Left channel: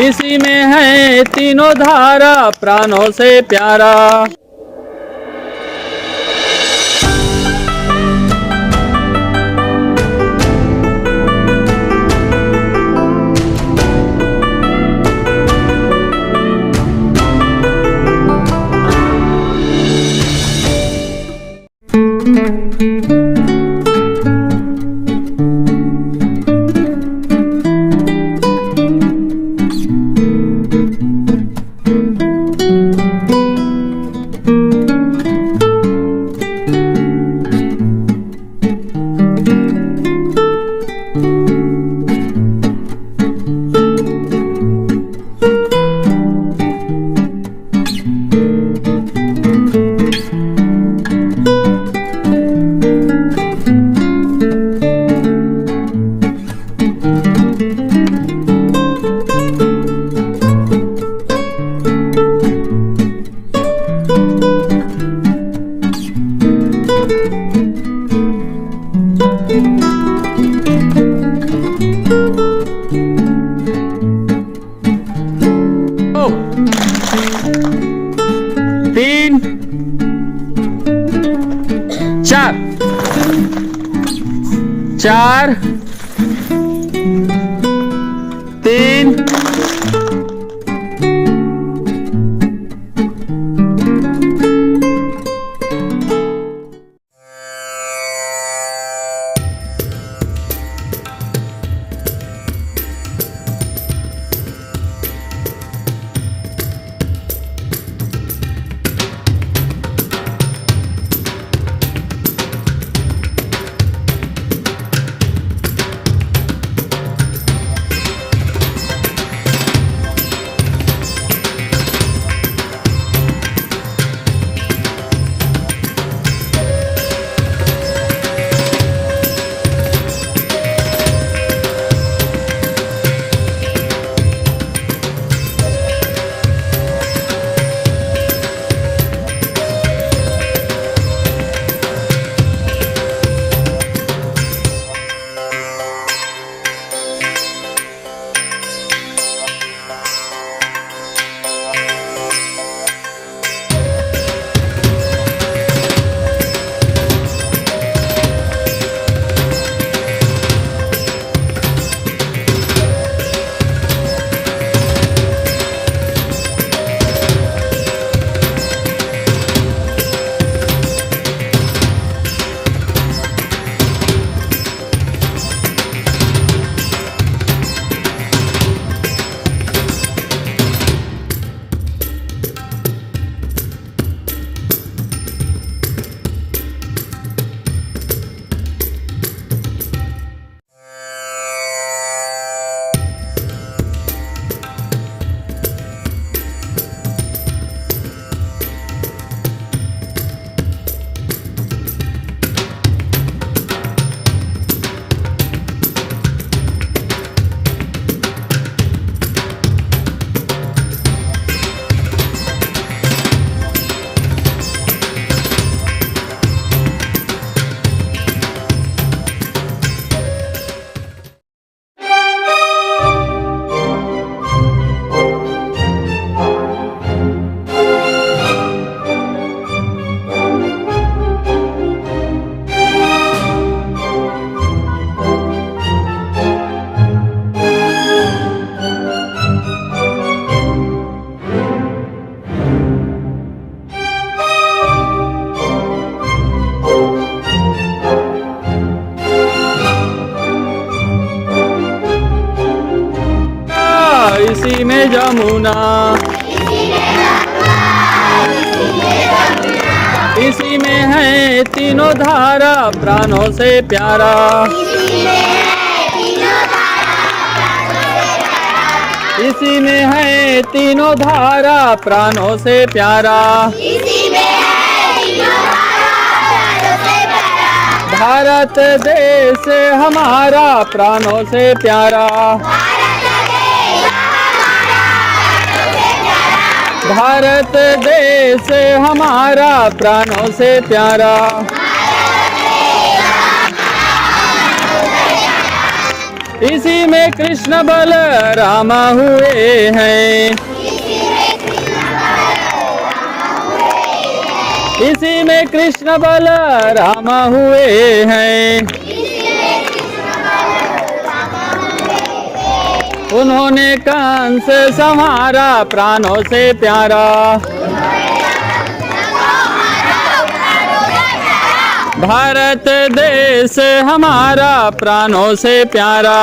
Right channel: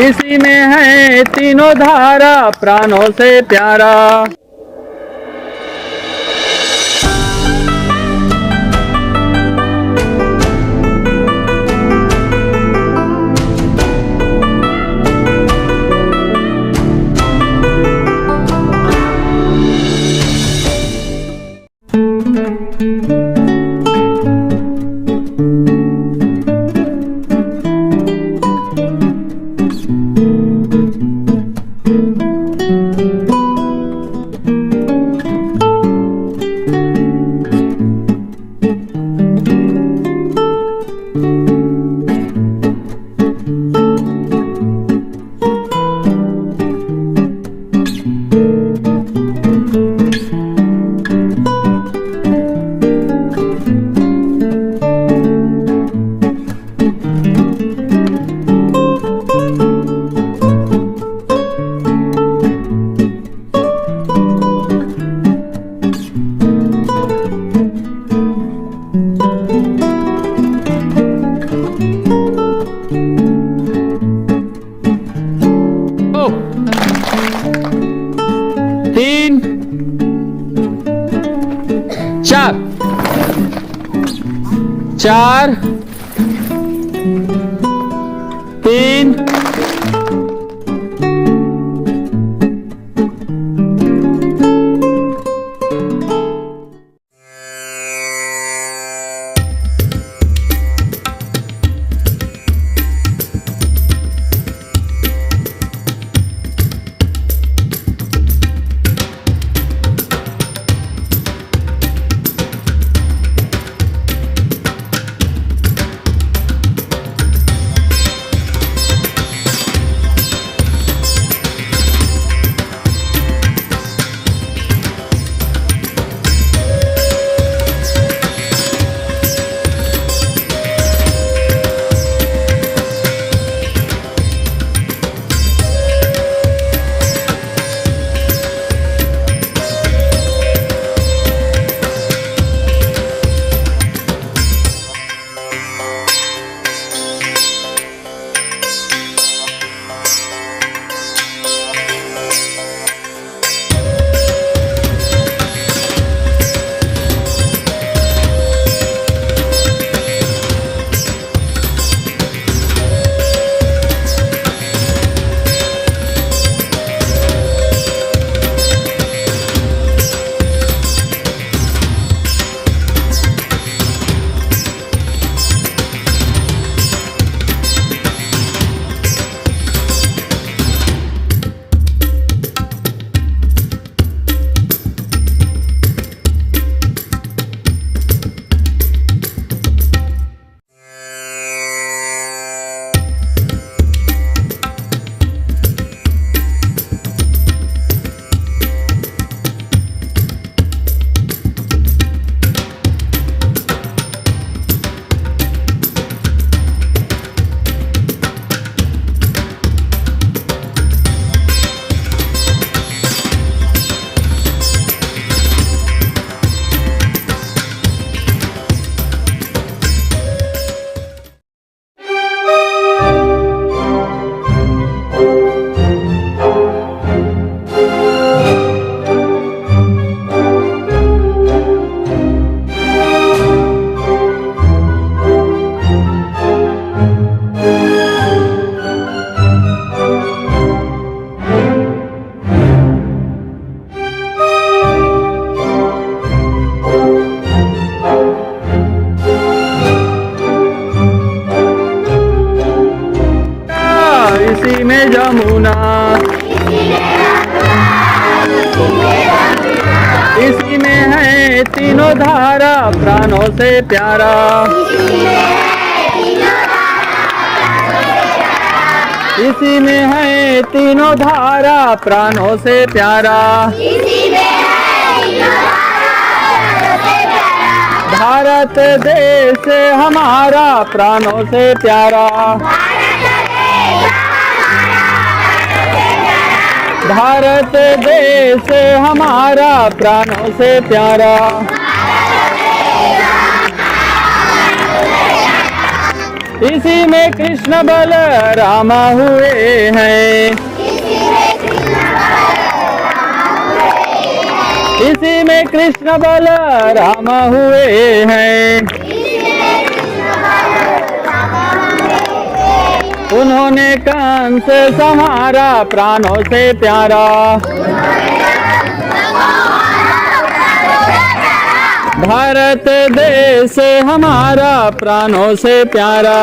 इसी में है तीनों धारा प्राणों से प्यारा। तीन चार चार तीन इसी में जमुना, इसी में है तीनों धारा प्राणों से प्यारा। इसी में है तीनों धारा प्राणों से प्यारा। भारत देश हमारा प्राणों से प्यारा। भारत देश हमारा प्राणों से प्यारा। इसी में कृष्ण बलराम हुए हैं, इसी में कृष्ण बलराम हुए हैं। उन्होंने कंस संहारा प्राणों से प्यारा, भारत देश हमारा प्राणों से प्यारा।